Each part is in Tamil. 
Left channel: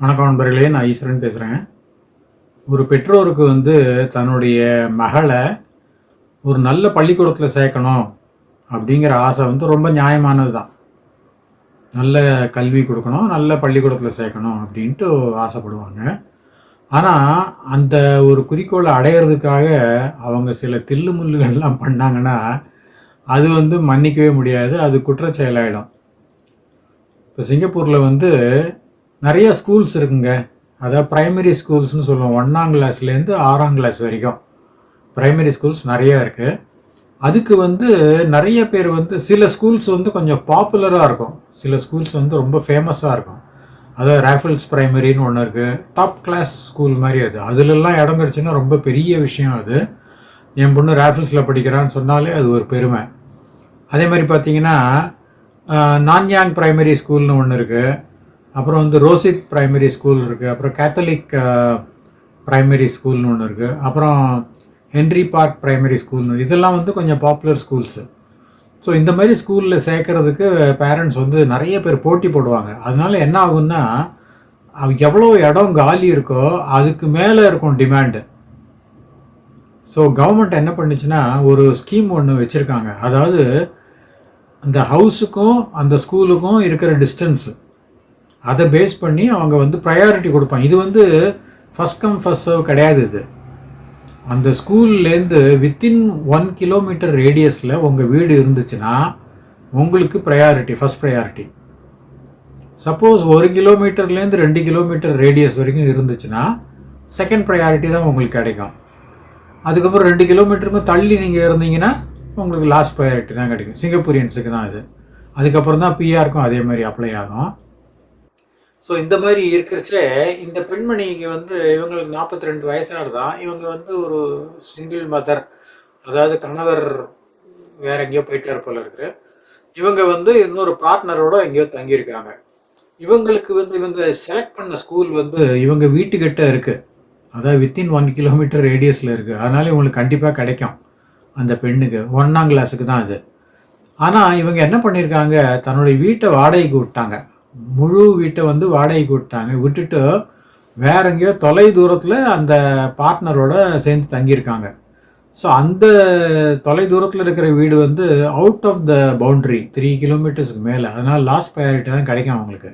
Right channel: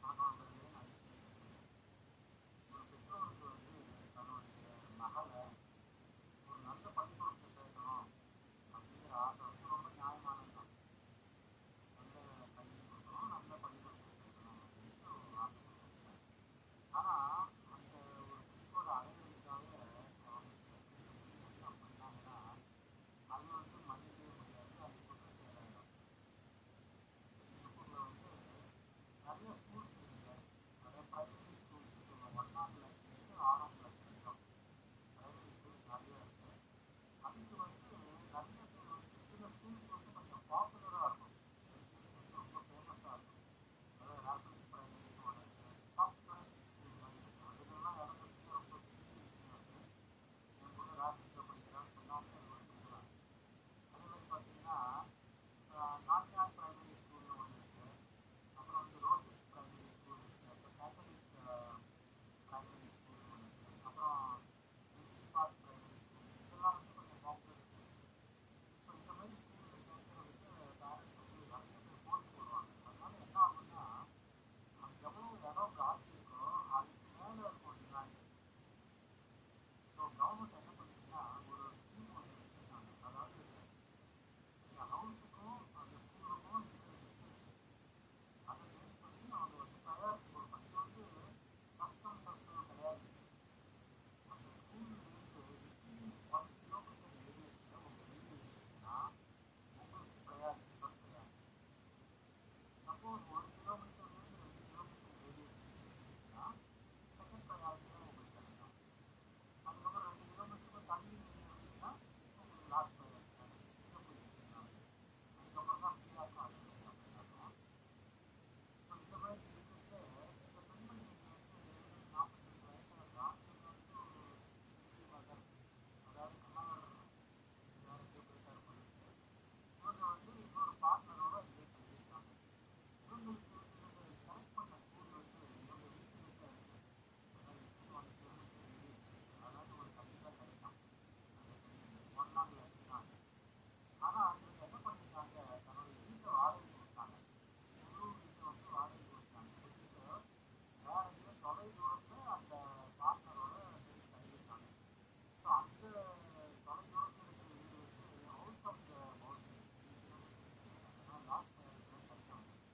வணக்கம் நண்பர்களே நான் ஈஸ்வரன் பேசுகிறேன் ஒரு பெற்றோருக்கு வந்து தன்னுடைய மகளை ஒரு நல்ல பள்ளிக்கூடத்தில் சேர்க்கணும் அப்படிங்கிற ஆசை வந்து ரொம்ப நியாயமானது தான் நல்ல கல்வி கொடுக்கணும் நல்ல பள்ளிக்கூடத்தில் சேர்க்கணும் அப்படின்ட்டு ஆசைப்படுவாங்க. ஆனால் அந்த ஒரு குறிக்கோளை அடையிறதுக்காக அவங்க சில தில்லுமுல்லுகள்லாம் பண்ணாங்கன்னா அது வந்து மன்னிக்கவே முடியாது அது குற்றச்செயலாயிடும். இப்போ சிங்கப்பூரில் வந்து நிறைய ஸ்கூல்ஸ் இருக்குங்க. அதாவது ப்ரைமரி ஸ்கூல்ஸ்னு சொல்லுவோம். ஒன்றாம் கிளாஸ்லேருந்து ஆறாம் கிளாஸ் வரைக்கும். ப்ரைமரி ஸ்கூல்ஸ் நிறைய இருக்குது அதுக்கு வந்து நிறைய பேர் வந்து சில ஸ்கூல்ஸ் வந்து கொஞ்சம் பாப்புலராக இருக்கும். சில ஸ்கூல்ஸ் வந்து ரொம்ப ஃபேமஸாக இருக்கும். அதாவது ரேஃபிள்ஸ் ப்ரைமரின்னு ஒன்று இருக்குது டாப் கிளாஸ் ஸ்கூல் மாதிரி அது. அதுலெல்லாம் இடம் கிடச்சுன்னா ரொம்ப பெரிய விஷயம் அது. என் பொண்ணு ரேஃபிள்ஸில் படிக்கிறான்னு சொன்னாலே அது ஒரு பெருமை. அதே மாதிரி பார்த்தீங்கன்னா நான்யாங் ப்ரைமரி ஸ்கூல்னு ஒன்று இருக்குது அப்புறம் வந்து ரோசித் ப்ரைமரி ஸ்கூல் இருக்குது அப்புறம் கேத்தலிக் ப்ரைமரி ஸ்கூல்னு ஒன்று இருக்குது அப்புறம் ஹென்ரி பார்க் ப்ரைமரி ஸ்கூல்னு இதெல்லாம் வந்து கொஞ்சம் பாப்புலர் ஸ்கூல்ஸு. ஸோ இந்த மாதிரி ஸ்கூலில் சேர்க்குறதுக்கு பேரண்ட்ஸ் வந்து நிறைய பேர் போட்டி போடுவாங்க. அதனால என்ன ஆகும்னா எவ்வளோ இடம் காலி இருக்கோ அதுக்கு மேலே இருக்கும் டிமாண்டு. ஸோ கவர்மெண்ட் என்ன பண்ணுச்சுன்னா ஒரு ஸ்கீம் ஒன்று வச்சுருக்காங்க. அதாவது அந்த ஹவுஸுக்கும் அந்த ஸ்கூலுக்கும் இருக்கிற டிஸ்டன்ஸு அதை பேஸ் பண்ணி அவங்க வந்து ப்ரையாரிட்டி கொடுப்பாங்க. இது வந்து ஃபஸ்ட் கம் ஃபஸ்ட் சர்வ் கிடையாது இது. அந்த ஸ்கூல்லேருந்து வித்தின் ஒன் கிலோமீட்டர் ரேடியஸில் உங்கள் வீடு இருந்துச்சுன்னா உங்களுக்கு ப்ரையாரிட்டி ஃபஸ்ட் ப்ரையாரிட்டி சப்போஸ் ஒரு கிலோமீட்டர்லேருந்து ரெண்டு கிலோமீட்டர் ரேடியஸ் வரைக்கும் இருந்துச்சுன்னா செகண்ட் ப்ரையாரிட்டி தான் உங்களுக்கு கிடைக்கும். அதுக்கப்புறம் ரெண்டு கிலோமீட்டருக்கும் தள்ளி நீங்கள் இருந்தீங்கன்னா உங்களுக்கு லாஸ்ட் ப்ரையாரிட்டி தான் கிடைக்கும். சிங்கப்பூரியன்ஸுக்கு தான் இது. அதுக்கப்புறம் தான் பிஆருக்கும் அதே மாதிரி அப்ளை ஆகும். ஸோ இந்த மாதிரி இருக்கிறச்சே இந்த பெண்மணிக்கு வந்து இவங்களுக்கு நாற்பத்தி ரெண்டு வயசாக தான் இவங்க வந்து ஒரு சிங்கிள் மதர் அதாவது கணவர் வேற எங்கேயோ போயிட்டார் போல இருக்கு. இவங்க வந்து இன்னொரு பார்ட்னரோட எங்கேயோ தங்கியிருக்காங்க இவங்களுக்கு வந்து இவங்க செலக்ட் பண்ண ஸ்கூல் வந்து இவங்க வீட்டுக்கிட்ட இருக்குது அதாவது வித்தின் ஒன் கிலோமீட்டர் ரேடியஸில் இருக்குது அதனால இவங்களுக்கு கண்டிப்பாக கிடைக்கும். அந்த பெண்ணுக்கு ஒன்றாம் கிளாஸுக்கு தான் அது. ஆனால் இவங்க என்ன பண்ணியிருக்காங்க? தன்னுடைய வீட்டை வாடகைக்கு விட்டாங்க. முழு வீட்டை வந்து வாடகைக்கு விட்டாங்க. விட்டுட்டு வேற எங்கேயோ தொலை தூரத்தில் அந்த பார்ட்னரோட சேர்ந்து தங்கியிருக்காங்க. ஸோ அந்த தொலை தூரத்தில் இருக்கிற வீடு வந்து out of the boundary three கிலோமீட்டர்ஸ்க்கு மேலே. அதனால் லாஸ்ட் ப்ரையாரிட்டி தான் கிடைக்கும் அவங்களுக்கு.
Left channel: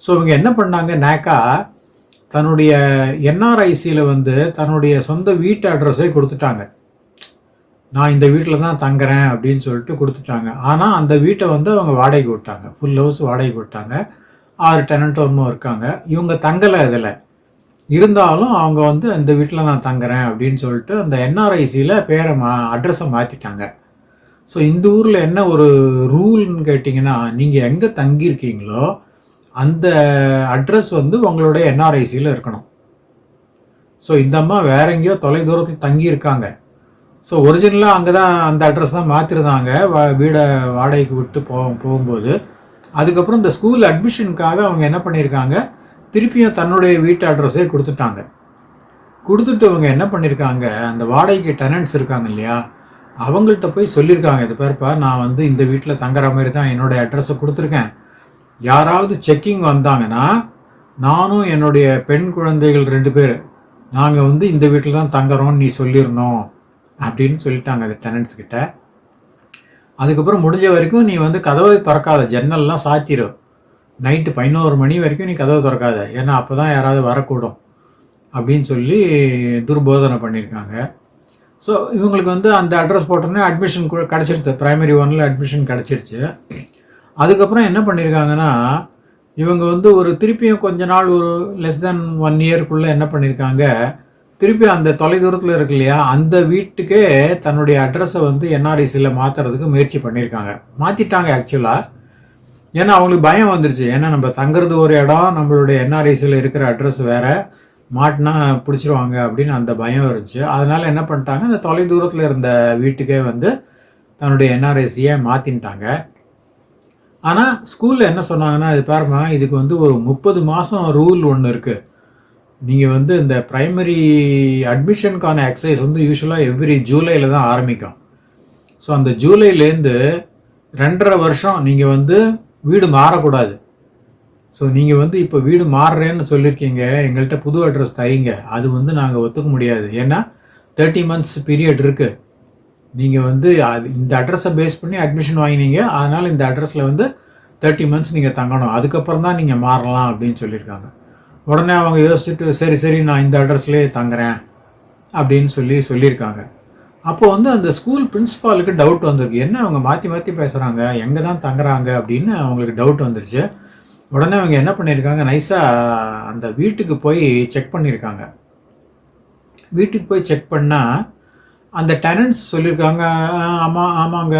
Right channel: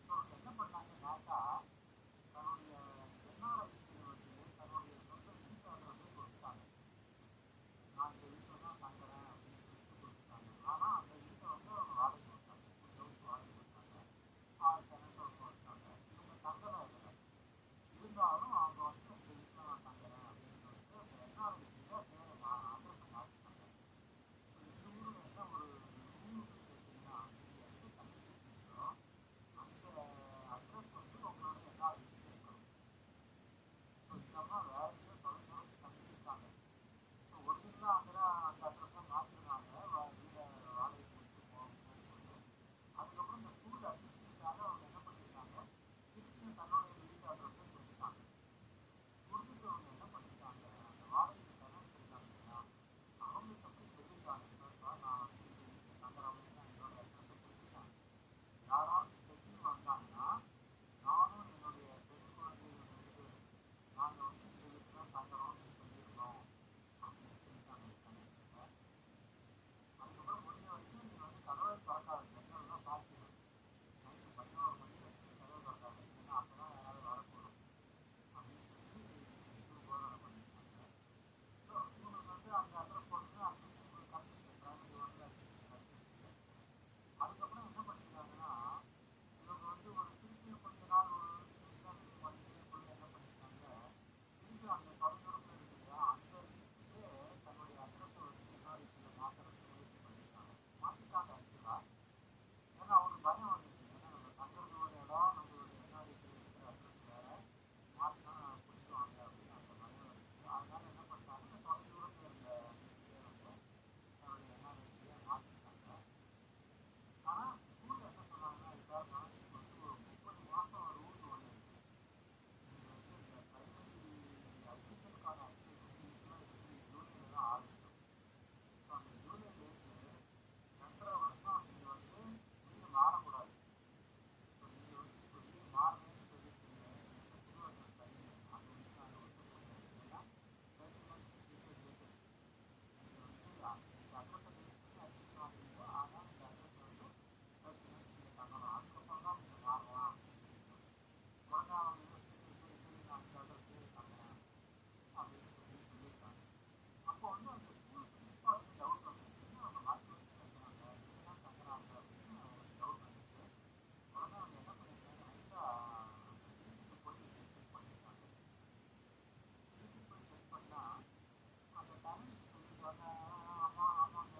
ஸோ இவங்க என்ன பண்ணாங்க? நேக்கா தன்னுடைய என்ஆர்ஐசியில் வந்து தன்னுடைய சொந்த வீட்டு அட்ரஸே கொடுத்துட்டாங்க. நான் இந்த வீட்டில் தான் தங்குறேன் அப்படின்னு சொல்லிட்டு கொடுத்துட்டாங்க. ஆனால் அந்த வீட்டை வந்து அவங்க வாடகைக்கு விட்டாங்க. ஃபுல் ஹவுஸ் வாடகைக்கு விட்டாங்க. ஆறு டெனண்ட் ஒன்றும் இருக்காங்க. இவங்க தங்கலை இதில். இருந்தாலும் அவங்க வந்து இந்த வீட்டில் நான் தங்குறேன் அப்படின்னு சொல்லிட்டு அந்த என்ஆர்ஐசியில் பேரை மா அட்ரஸை மாற்றிட்டாங்க ஸோ இந்த ஊரில் என்ன ஒரு ரூல்னு கேட்டிங்கன்னா நீங்கள் எங்கே தங்கியிருக்கீங்களோ அந்த அட்ரஸ் வந்து உங்களுடைய என்ஆர்ஐசியில் இருக்கணும். ஸோ இந்த அம்மா வேற எங்கேயோ தொலை தூரத்தில் தங்கியிருக்காங்க. ஸோ ஒரிஜினலாக அங்கே தான் அந்த அட்ரஸ் தான் மாற்றிருந்தாங்க வீடை வாடகைக்கு விட்டு போ போகும்போது. அதுக்கப்புறம் இந்த ஸ்கூல் அட்மிஷனுக்காக அவங்க என்ன பண்ணியிருக்காங்க திருப்பியும் தன்னுடைய வீட்டு அட்ரஸே கொடுத்துட்டாங்க. கொடுத்துட்டு அவங்க என்ன பண்ணியிருக்காங்க அந்த வாடகைக்கு டெனன்ட்ஸ் இருக்காங்க இல்லையா? அவங்கள்ட்ட போய் சொல்லியிருக்காங்க இது பேர்ப்பா நான் வந்து இந்த வீட்டில் தங்குற மாதிரி தான் என்னுடைய அட்ரஸை கொடுத்துருக்கேன். யாராவது செக்கிங் வந்தாங்கன்னா நானும் என்னுடைய பெண் குழந்தைகள் ரெண்டு பேர் நாங்கள் வந்து இந்த வீட்டில் தான் தங்குறோம்னு நீ சொல்லிடணும். அப்படின்னு சொல்லிட்டாங்க அது டெனன்ட்ஸ் கிட்ட. அதுக்கப்புறம் முடிஞ்ச வரைக்கும் நீ வந்து கதவை திறக்காத ஜன்னல்லாம் சாத்திரு நைட்டு பதினோரு மணி வரைக்கும் நீ கதவை திறக்காத. ஏன்னா அப்போ தான் யாராவது வரக்கூடும் அப்படின்னு சொல்லி துர்போதனை பண்ணியிருக்காங்க. ஸோ இவங்களுக்கு வந்து அந்த அட்ரஸ் போட்டோன்னே அட்மிஷன் கிடச்சிருச்சு. ப்ரைமரி ஒனில் அட்மிஷன் கிடச்சிருச்சு. அதுக்கப்புறம் என்ன பண்ணியிருக்காங்கன்னா இவங்க வந்து ஒரு திருப்பியும் கொஞ்ச நாள் ஒரு லெஸ் தென் ஒன் இயர்க்குள்ளே என்ன பண்ணியிருக்காங்க திருப்பி அந்த தொலைதூரத்தில் இருக்கு இல்லையா அந்த வீட்டுக்கே தன்னுடைய அட்ரஸை வந்து என்ஆர்ஐசியில் மாற்றுறதுக்கு முயற்சி பண்ணியிருக்காங்க. மாற்றிட்டாங்க ஆக்சுவலாக ஏன்னா அவங்களுக்கு பயம் வந்துருச்சு. ஏன்னா நம்ம தங்குறது ஒரு இடம் நம்மளுடைய என்ஆர்ஐசியில் இருக்கிற அட்ரஸ் வேறு. மாட்டினா பிடிச்சிருவாங்க அப்படின்னு அந்த பயம் இருந்துச்சு. அதனால் என்ன பண்ணிட்டாங்க அந்த தொலை தூரத்தில் இருந்த வீட்டுக்கே வந்து தன்னுடைய என்ஆர்ஐசியை மாற்றின்ட்டாங்க ஆனால் ஸ்கூலில் என்ன சொன்னாங்கன்னா இது பாருமா இதுக்கு வந்து ஒரு முப்பது மாதம் ரூல் ஒன்று இருக்குது நீங்கள் வந்து இந்த ப்ரைமரி அட்மிஷனுக்கான எக்ஸசைஸ் வந்து யூஸ்வலாக எவ்ரி ஜூலையில் தான் ஆரம்பிக்கும். ஸோ அந்த ஜூலைலேருந்து ரெண்டரை வருஷம் நீங்கள் வந்து வீடு மாறக்கூடாது. ஸோ நீங்கள் வந்து இப்போ வீடு மாறுறேன்னு சொல்லியிருக்கீங்க எங்கள்கிட்ட புது அட்ரஸ் தரீங்க அது வந்து நாங்கள் ஒத்துக்க முடியாது. ஏன்னா தேர்ட்டி மந்த்ஸ் பீரியட் இருக்குது நீங்கள் வந்து அது இந்த அட்ரஸை பேஸ் பண்ணி அட்மிஷன் வாங்கினீங்க அதனால் இந்த அட்ரஸில் வந்து தேர்ட்டி மந்த்ஸ் நீங்கள் தங்கணும். அதுக்கப்புறம் தான் நீங்கள் மாறலாம் அப்படின்னு சொல்லியிருக்காங்க உடனே அவங்க யோசிச்சுட்டு சரி சரி நான் இந்த அட்ரஸ்லேயே தங்குறேன் அப்படின்னு சொல்லி சொல்லியிருக்காங்க. அப்போ வந்து அந்த ஸ்கூல் பிரின்ஸ்பாலுக்கு டவுட் வந்திருக்கு. என்ன அவங்க மாற்றி மாற்றி பேசுகிறாங்க எங்கே தான் தங்குறாங்க? அப்படின்னு அவங்களுக்கு டவுட் வந்துருச்சு. உடனே அவங்க என்ன பண்ணியிருக்காங்க? நைஸாக அந்த வீட்டுக்கு போய் செக் பண்ணியிருக்காங்க. வீட்டுக்கு போய் செக் பண்ணால் அந்த டெனன்ட்ஸ் சொல்லியிருக்காங்க ஆமாம் ஆமாங்க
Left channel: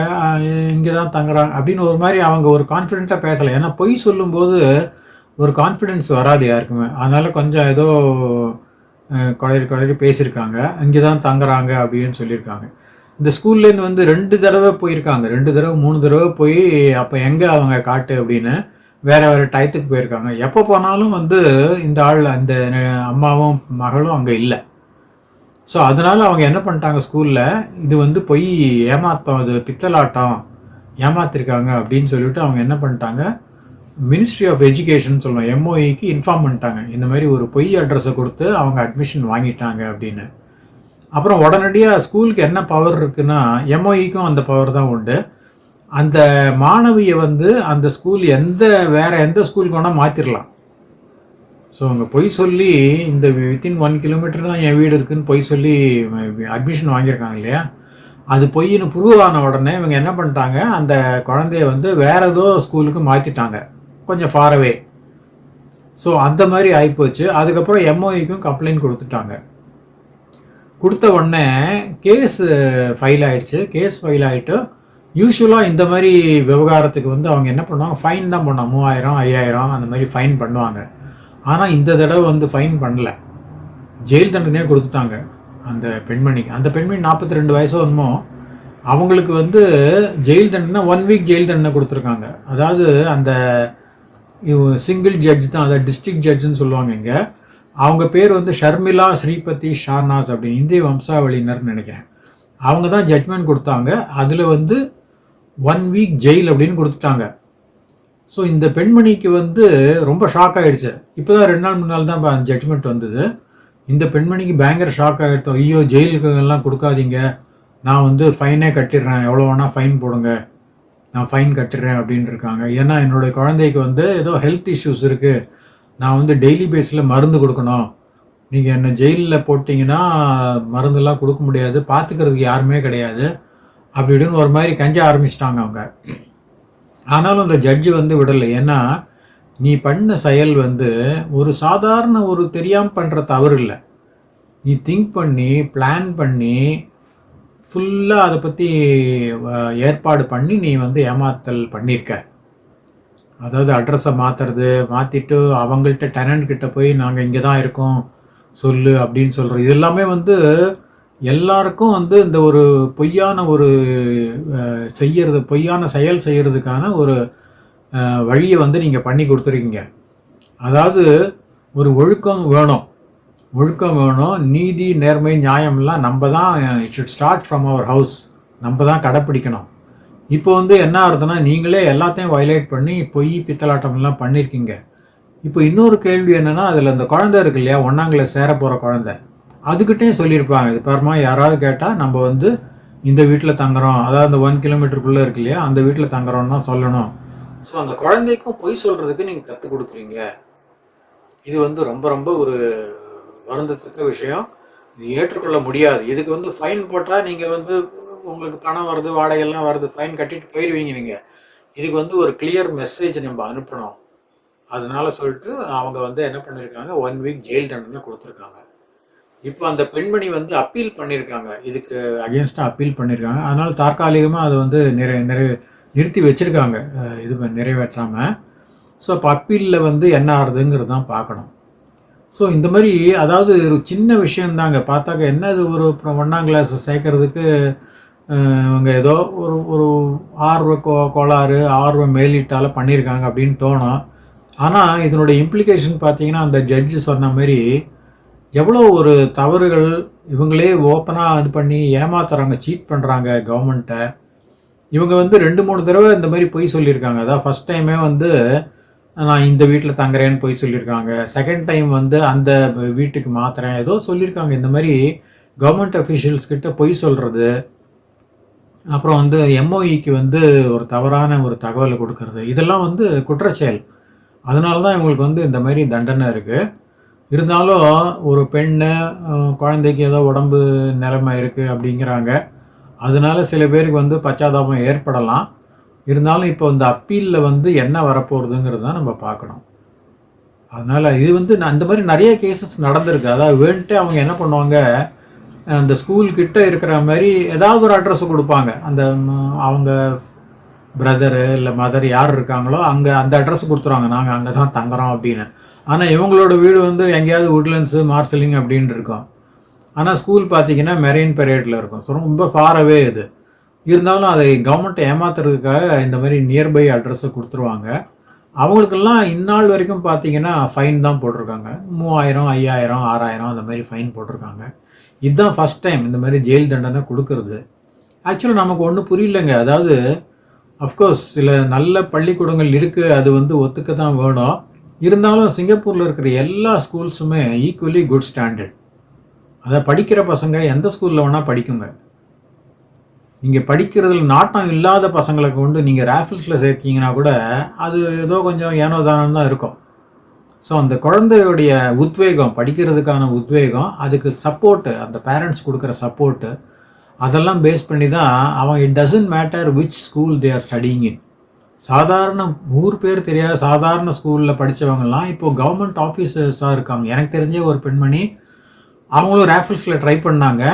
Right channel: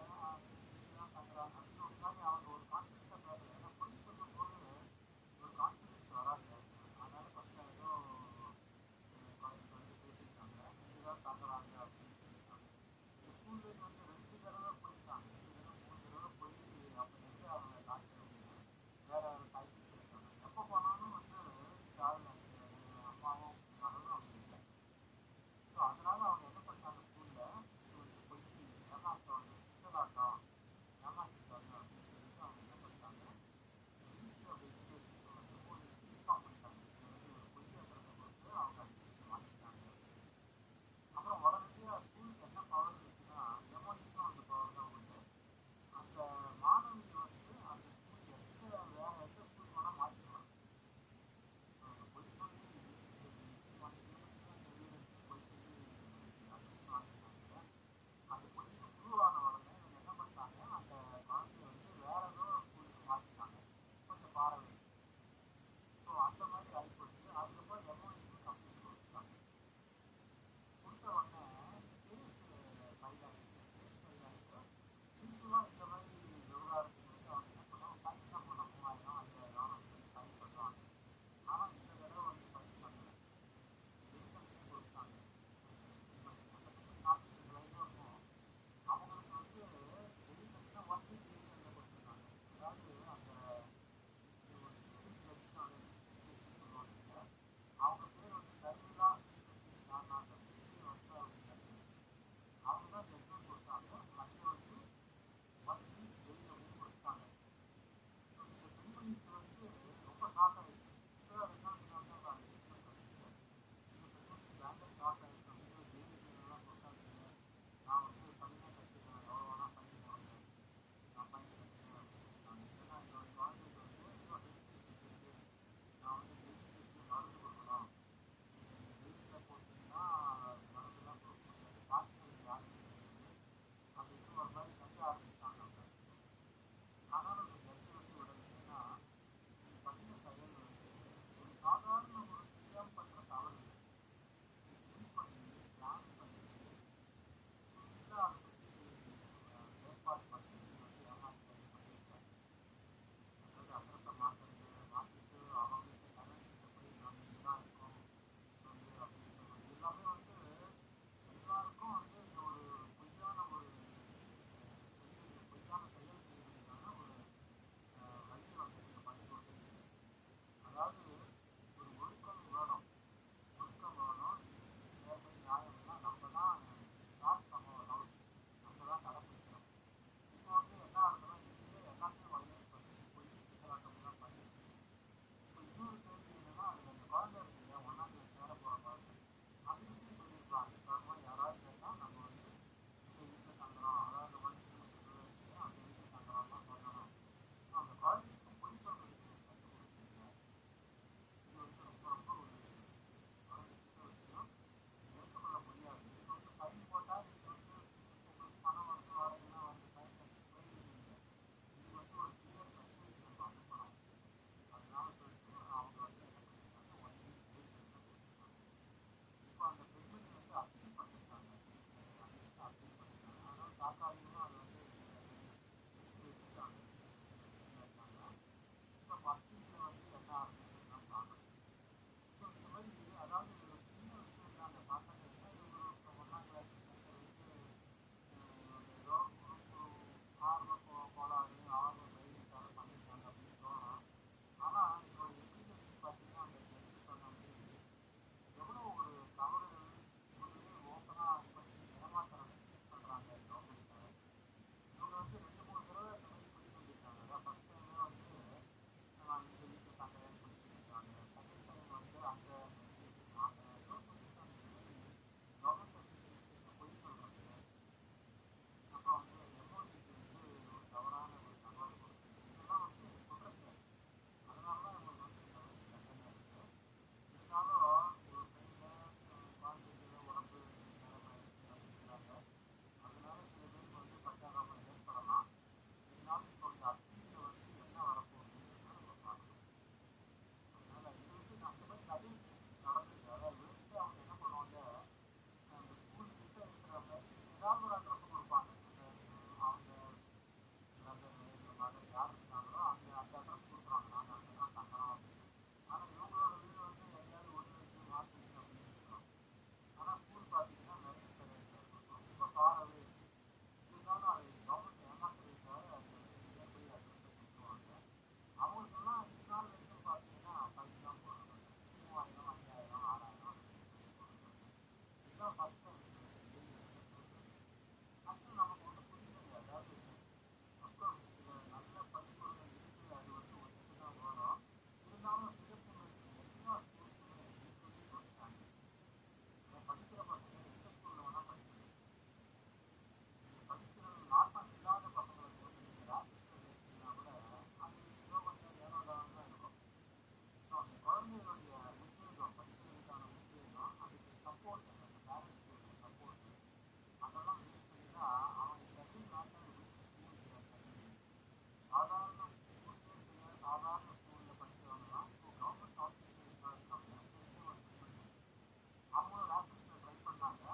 இங்கே தான் தங்குறாங்க அப்படின்னு ஒரு மாதிரி அவங்க ஒரு கான்ஃபிடெண்ட்டாக பேசலை. ஏன்னா பொய் சொல்லும்போது ஒரு கான்ஃபிடென்ஸ் வராது யாருக்குமே. அதனால் கொஞ்சம் ஏதோ குழறி குளறி பேசியிருக்காங்க. இங்கே தான் தங்குறாங்க அப்படின்னு சொல்லியிருக்காங்க. இந்த ஸ்கூல்லேருந்து வந்து ரெண்டு தடவை போயிருக்காங்க. ரெண்டு தடவை மூணு தடவை போய் அப்போ எங்கே அவங்க காட்டு அப்படின்னு வேறு வேறு டயத்துக்கு போயிருக்காங்க. எப்போ போனாலும் வந்து இந்த ஆள் அந்த அம்மாவும் மகளும் அங்கே இல்லை. ஸோ அதனால் அவங்க என்ன பண்ணிட்டாங்க ஸ்கூலில் இது வந்து போய் ஏமாத்தம் அது பித்தலாட்டம் ஏமாத்திருக்காங்க அப்படின்னு சொல்லிட்டு அவங்க என்ன பண்ணிட்டாங்க? மினிஸ்ட்ரி ஆஃப் எஜுகேஷன் சொல்லுவோம் எம்ஓஇக்கு இன்ஃபார்ம் பண்ணிட்டாங்க. இந்த மாதிரி ஒரு பொய் அட்ரஸை கொடுத்து அவங்க அட்மிஷன் வாங்கிட்டாங்க அப்படின்னு. அப்புறம் உடனடியாக ஸ்கூலுக்கு என்ன பவர் இருக்குன்னா எம்ஓஇக்கும் அந்த பவர் தான் உண்டு. அந்த மாணவியை வந்து அந்த ஸ்கூல் எந்த வேறு எந்த ஸ்கூலுக்கு வேணால் மாற்றிடலாம் ஸோ அவங்க பொய் சொல்லி இந்த வித்தின் ஒன் கிலோமீட்டர் தான் என் வீடு இருக்குதுன்னு பொய் சொல்லி அட்மிஷன் வாங்கியிருக்காங்க இல்லையா? அது பொய்ன்னு ப்ரூவ் ஆன உடனே இவங்க என்ன பண்ணிட்டாங்க அந்த குழந்தைய வந்து வேறு ஏதோ ஸ்கூலுக்கு மாற்றிட்டாங்க கொஞ்சம் ஃபாரவே ஸோ அந்த மாதிரி ஆகிப்போச்சு அதுக்கப்புறம் எம்ஓஇக்கும் கம்ப்ளைண்ட் கொடுத்துட்டாங்க. கொடுத்த உடனே கேஸ் ஃபைல் ஆகிடுச்சு கேஸ் ஃபைல் ஆகிட்டு யூஸ்வலாக இந்த மாதிரி விவகாரத்துக்கு வந்து அவங்க என்ன பண்ணுவாங்க? ஃபைன் தான் பண்ணுவாங்க மூவாயிரம் ஐயாயிரம் அந்த மாதிரி ஃபைன் பண்ணுவாங்க. ஆனால் இந்த தடவை வந்து ஃபைன் பண்ணல. ஜெயில் தண்டனையே கொடுத்துட்டாங்க அந்த பெண்மணிக்கு அந்த பெண்மணி நாற்பத்தி ரெண்டு வயசு என்னமோ அவங்களுக்கு வந்து ஜெயில் தண்டனை ஒன் வீக் ஜெயில் தண்டனை கொடுத்துருக்காங்க. அதாவது அந்த சிங்கிள் ஜட்ஜ் தான் அதாவது டிஸ்ட்ரிக்ட் ஜட்ஜுன்னு சொல்லுவாங்க இங்கே. அவங்க பேர் வந்து ஷர்மிளா ஸ்ரீபதி ஷார்னாஸ் அப்படின்னு இந்திய வம்சாவளியினர்னு நினைக்கிறேன். அவங்க தான் ஜட்மெண்ட் கொடுத்தாங்க. அதில் வந்து ஒன் வீக் ஜெயில் அப்படின்னு கொடுத்துட்டாங்க. ஸோ இந்த பெண்மணிக்கு வந்து ரொம்ப ஷாக் ஆகிடுச்சு இப்போ தான் ரெண்டு நாள் முன்னாள் தான் ஜட்மெண்ட் வந்தது. இந்த பெண்மணிக்கு பயங்கர ஷாக் ஆகிடுத்தோம் ஐயோ ஜெயிலுக்கு எல்லாம் கொடுக்காதீங்க. நான் வந்து ஃபைனே கட்டிடுறேன். எவ்வளோ வேணால் ஃபைன் போடுங்க. நான் ஃபைன் கட்டுறேன் அப்படின்னு இருக்காங்க ஏன்னா என்னுடைய குழந்தைக்கு வந்து ஏதோ ஹெல்த் இஷ்யூஸ் இருக்குது நான் வந்து டெய்லி பேஸில் மருந்து கொடுக்கணும். நீங்கள் என்னை ஜெயிலில் போட்டிங்கன்னா மருந்தெல்லாம் கொடுக்க முடியாது. பார்த்துக்கிறதுக்கு யாருமே கிடையாது. அப்படி இப்படின்னு ஒரு மாதிரி கஞ்ச ஆரம்பிச்சிட்டாங்க அவங்க. ஆனாலும் அந்த ஜட்ஜு வந்து விடலை. ஏன்னா நீ பண்ண செயல் வந்து ஒரு சாதாரண ஒரு தெரியாமல் பண்ணுற தவறு இல்லை. நீ திங்க் பண்ணி பிளான் பண்ணி ஃபுல்லாக அதை பற்றி ஏற்பாடு பண்ணி நீ வந்து ஏமாத்தல் பண்ணியிருக்க அதாவது அட்ரஸை மாற்றுறது மாற்றிட்டு அவங்கள்ட்ட டெனன்ட் கிட்ட போய் நாங்கள் இங்கே தான் இருக்கோம் சொல்லு அப்படின்னு சொல்கிறோம் இது எல்லாமே வந்து எல்லாருக்கும் வந்து இந்த ஒரு பொய்யான ஒரு செய்யறது பொய்யான செயல் செய்கிறதுக்கான ஒரு வழியை வந்து நீங்கள் பண்ணி கொடுத்துருக்கீங்க. அதாவது ஒரு ஒழுக்கம் வேணும். ஒழுக்கம் வேணும் நீதி நேர்மை நியாயம்லாம் நம்ம தான் it should start from our house நம்ம தான் கடைப்பிடிக்கணும். இப்போ வந்து என்ன ஆகுதுன்னா நீங்களே எல்லாத்தையும் வயலேட் பண்ணி பொய் பித்தலாட்டம்லாம் பண்ணியிருக்கீங்க இப்போ இன்னொரு கேள்வி என்னென்னா அதில் அந்த குழந்தை இருக்கு இல்லையா ஒன்றாங்கில் சேர போகிற குழந்தை. அதுக்கிட்டையும் சொல்லியிருப்பாங்க இது பாருமா யாராவது கேட்டால் நம்ம வந்து இந்த வீட்டில் தங்குறோம். அதாவது அந்த ஒன் கிலோமீட்டருக்குள்ளே இருக்கு இல்லையா அந்த வீட்டில் தங்குறோம்னு தான் சொல்லணும். ஸோ அந்த குழந்தைக்கும் பொய் சொல்கிறதுக்கு நீங்கள் கற்றுக் கொடுக்குறீங்க. இது வந்து ரொம்ப ரொம்ப ஒரு வருந்தத்தக்க விஷயம். இது ஏற்றுக்கொள்ள முடியாது. இதுக்கு வந்து ஃபைன் போட்டால் நீங்கள் வந்து உங்களுக்கு பணம் வருது வாடகையெல்லாம் வருது ஃபைன் கட்டிட்டு போயிடுவீங்க நீங்கள் இதுக்கு வந்து ஒரு கிளியர் மெசேஜ் நம்ம அனுப்பணும். அதனால சொல்லிட்டு அவங்க வந்து என்ன பண்ணியிருக்காங்க ஒன் வீக் ஜெயில் தண்டனை கொடுத்துருக்காங்க. இப்போ அந்த பெண்மணி வந்து அப்பீல் பண்ணியிருக்காங்க இதுக்கு அகேன்ஸ்டாக அப்பீல் பண்ணியிருக்காங்க அதனால் தற்காலிகமாக அதை வந்து நிறை நிறை நிறுத்தி வச்சுருக்காங்க. இது நிறைவேற்றாமல் ஸோ அப்போ அப்பீலில் வந்து என்ன ஆகுதுங்கிறது தான் பார்க்கணும். ஸோ இந்த மாதிரி அதாவது ஒரு சின்ன விஷயந்தாங்க பார்த்தாக்க என்ன இது ஒரு அப்புறம் ஒன்றாம் கிளாஸ் சேர்க்கறதுக்கு இவங்க ஏதோ ஒரு ஒரு ஆர்வ கோ கோளாறு ஆர்வ மேலீட்டால் பண்ணியிருக்காங்க அப்படின்னு தோணும். ஆனால் இதனுடைய இம்ப்ளிகேஷன் பார்த்தீங்கன்னா அந்த ஜட்ஜு சொன்ன மாதிரி எவ்வளோ ஒரு தவறுகள் இவங்களே ஓப்பனாக இது பண்ணி ஏமாத்துறாங்க சீட் பண்ணுறாங்க கவர்மெண்ட்டை இவங்க வந்து ரெண்டு மூணு தடவை இந்த மாதிரி பொய் சொல்லியிருக்காங்க. அதான் ஃபஸ்ட் டைமே வந்து நான் இந்த வீட்டில் தங்குறேன்னு போய் சொல்லியிருக்காங்க. செகண்ட் டைம் வந்து அந்த வீட்டுக்கு மாத்துறேன். ஏதோ சொல்லியிருக்காங்க. இந்த மாதிரி கவர்மெண்ட் அஃபிஷியல்ஸ் கிட்ட பொய் சொல்கிறது அப்புறம் வந்து எம்ஓஇக்கு வந்து ஒரு தவறான ஒரு தகவலை கொடுக்கறது. இதெல்லாம் வந்து குற்றச்செயல். அதனால தான் இவங்களுக்கு வந்து இந்த மாதிரி தண்டனை இருக்குது இருந்தாலும் ஒரு பெண்ணு குழந்தைக்கு ஏதோ உடம்பு நிலைமை இருக்குது அப்படிங்கிறாங்க. அதனால சில பேருக்கு வந்து பச்சாதாபம் ஏற்படலாம். இருந்தாலும் இப்போ இந்த அப்பீலில் வந்து என்ன வரப்போகிறதுங்கிறது தான் நம்ம பார்க்கணும். அதனால் இது வந்து நான் இந்த மாதிரி நிறைய கேசஸ் நடந்திருக்கு. அதாவது வேண்ட்டு அவங்க என்ன பண்ணுவாங்க அந்த ஸ்கூல் கிட்ட இருக்கிற மாதிரி ஏதாவது ஒரு அட்ரஸ் கொடுப்பாங்க. அந்த அவங்க பிரதரு இல்லை மதர் யார் இருக்காங்களோ அங்கே அந்த அட்ரஸ் கொடுத்துருவாங்க. நாங்கள் அங்கே தான் தங்குறோம் அப்படின்னு. ஆனால் இவங்களோட வீடு வந்து எங்கேயாவது உட்லண்ட்ஸு மார்சலிங் அப்படின்ட்டு இருக்கும். ஆனால் ஸ்கூல் பார்த்தீங்கன்னா மெரெயின் பெரேட்டில் இருக்கும். ஸோ ரொம்ப ஃபாரவே இது. இருந்தாலும் அதை கவர்மெண்ட்டை ஏமாத்துறதுக்காக இந்த மாதிரி நியர்பை அட்ரஸை கொடுத்துருவாங்க. அவங்களுக்கெல்லாம் இந்நாள் வரைக்கும் பார்த்தீங்கன்னா ஃபைன் தான் போட்டிருக்காங்க. மூவாயிரம் ஐயாயிரம் ஆறாயிரம் அந்த மாதிரி ஃபைன் போட்டிருக்காங்க. இதுதான் ஃபஸ்ட் டைம் இந்த மாதிரி ஜெயில் தண்டனை கொடுக்கறது. ஆக்சுவலாக நமக்கு ஒன்றும் புரியலைங்க. அதாவது அஃப்கோர்ஸ் சில நல்ல பள்ளிக்கூடங்கள் இருக்குது அது வந்து ஒத்துக்க தான் வேணும். இருந்தாலும் சிங்கப்பூரில் இருக்கிற எல்லா ஸ்கூல்ஸுமே ஈக்குவலி குட் ஸ்டாண்டர்ட் அதை படிக்கிற பசங்க எந்த ஸ்கூலில் வேணால் படிக்குங்க. நீங்கள் படிக்கிறதுல நாட்டம் இல்லாத பசங்களை கொண்டு நீங்கள் ரேஃபிள்ஸில் சேர்த்தீங்கன்னா கூட அது ஏதோ கொஞ்சம் ஏனோ தானம் தான் இருக்கும். ஸோ அந்த குழந்தையுடைய உத்வேகம் படிக்கிறதுக்கான உத்வேகம் அதுக்கு சப்போர்ட்டு அந்த பேரண்ட்ஸ் கொடுக்குற சப்போர்ட்டு அதெல்லாம் பேஸ் பண்ணி தான் அவன் it doesn't matter which school they are studying in சாதாரண ஊர் பேர் தெரியாத சாதாரண ஸ்கூலில் படித்தவங்கலாம் இப்போது கவர்மெண்ட் ஆஃபீஸர்ஸாக இருக்காங்க. எனக்கு தெரிஞ்ச ஒரு பெண்மணி அவங்களும் ரேஃபிள்ஸில் ட்ரை பண்ணாங்க.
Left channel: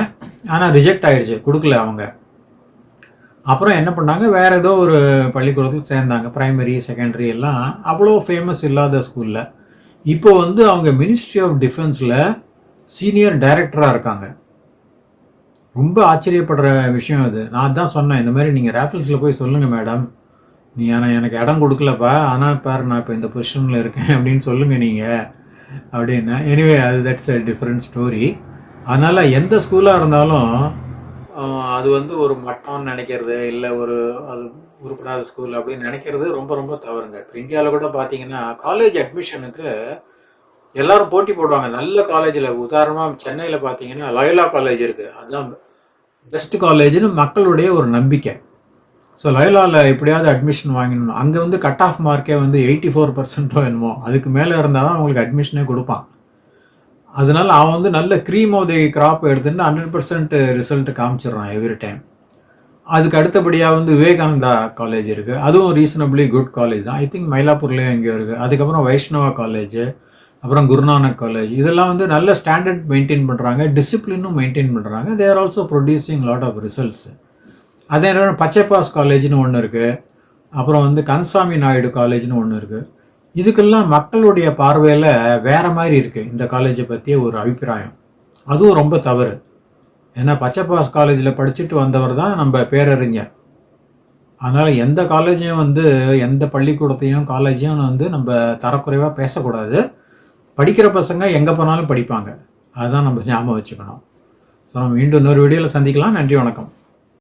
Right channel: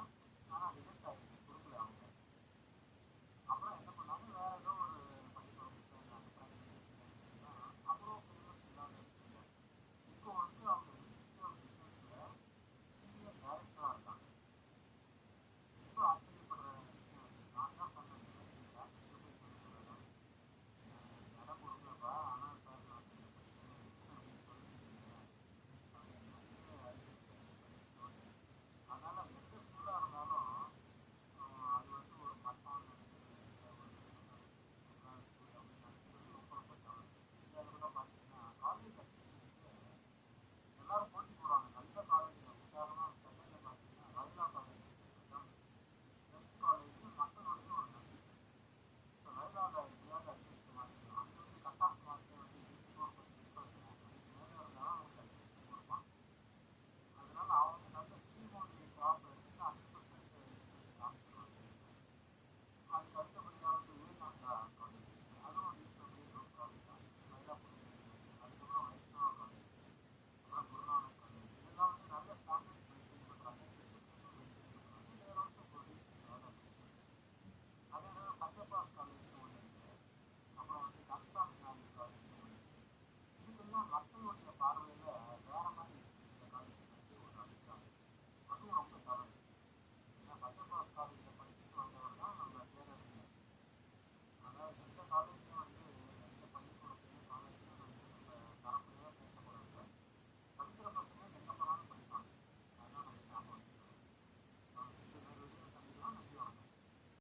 ஆனால் ரிஜெக்ட் ஆகிடுச்சு கொடுக்கல அவங்க. அப்புறம் என்ன பண்ணாங்க? வேறு ஏதோ ஒரு பள்ளிக்கூடத்தில் சேர்ந்தாங்க. ப்ரைமரி செகண்டரி எல்லாம் அவ்வளோ ஃபேமஸ் இல்லாத ஸ்கூலில் இப்போ வந்து அவங்க மினிஸ்ட்ரி ஆஃப் டிஃபென்ஸில் சீனியர் டைரக்டராக இருக்காங்க. ரொம்ப ஆச்சரியப்படுற விஷயம் அது. நான் தான் சொன்னேன் இந்த மாதிரி நீங்கள் ரேஃபிள்ஸில் போய் சொல்லுங்கள் மேடம் நீ ஆனால் எனக்கு இடம் கொடுக்கலப்பா. ஆனால் பாரு நான் இப்போ இந்த பொசிஷனில் இருக்கேன் அப்படின்னு சொல்லுங்கள் நீங்கள் அப்படின்னா. எனிவே அது தட்ஸ் அ டிஃப்ரெண்ட் ஸ்டோரி அதனால் எந்த ஸ்கூலாக இருந்தாலும் அது வந்து ஒரு மட்டம்னு நினைக்கிறது இல்லை ஒரு அது உருப்படாத ஸ்கூல் அப்படின்னு நினைக்கிறது ரொம்ப ரொம்ப தவறுங்க. இப்போ இந்தியாவில் கூட பார்த்தீங்கன்னா காலேஜ் அட்மிஷனுக்கு எல்லாரும் போட்டி போடுவாங்க. நல்ல காலேஜில் உதாரணமாக சென்னையில் பார்த்தீங்கன்னா லயோலா காலேஜ் இருக்குது அதுதான் பெஸ்ட் காலேஜ்னு மக்களுடைய ஒரு நம்பிக்கை. ஸோ லயோலாவில் எப்படியாவது அட்மிஷன் வாங்கிடணும் அங்கே வந்து கட் ஆஃப் மார்க்கே வந்து எயிட்டி ஃபோர் பர்சன்ட்டோ என்னமோ அதுக்கு மேலே இருந்தால் தான் அவங்களுக்கு அட்மிஷனே கொடுப்பான் அதனால அவன் வந்து நல்ல க்ரீம் ஆஃப் தி கிராப் எடுத்துன்னு ஹண்ட்ரட் பர்சன்ட் ரிசல்ட் காமிச்சிடுறான் எவ்ரி டைம் அதுக்கு அடுத்தபடியாக வந்து விவேகானந்தா காலேஜ் இருக்குது அதுவும் ரீசனபிளி குட் காலேஜ் தான். ஐ திங்க் மயிலாப்பூர்லேயும் எங்கேயோ இருக்குது அதுக்கப்புறம் வைஷ்ணவா காலேஜ் அப்புறம் குருநானக் காலேஜ் இதெல்லாம் வந்து நல்ல ஸ்டாண்டர்ட் மெயின்டைன் பண்ணுறாங்க டிசிப்ளினும் மெயின்டைன் பண்ணுறாங்க there also producing lot of results அதே நேரம் பச்சைப்பாஸ் காலேஜ்னு ஒன்று இருக்குது அப்புறம் வந்து கன்சாமி நாயுடு காலேஜ்னு ஒன்று இருக்குது இதுக்கெல்லாம் மக்களுடைய பார்வையில் வேற மாதிரி இருக்குது இந்த காலேஜை பற்றிய ஒரு அபிப்பிராயம். அதுவும் ரொம்ப தவறு. ஏன்னா பச்சைப்பாஸ் காலேஜில் படிச்சுட்டு வந்தவர் தான் நம்ம பேரறிஞர். அதனால் எந்த காலேஜையும் வந்து எந்த பள்ளிக்கூடத்தையும் காலேஜையும் வந்து நம்ம தரக்குறைவாக பேசக்கூடாது. படிக்கிற பசங்க எங்கே போனாலும் படிப்பாங்க. அதுதான் நம்ம ஞாபகம் வச்சுக்கணும். ஸோ நம்ம மீண்டும் இன்னொரு வீடியோவில் சந்திக்கலாம். நன்றி வணக்கம்.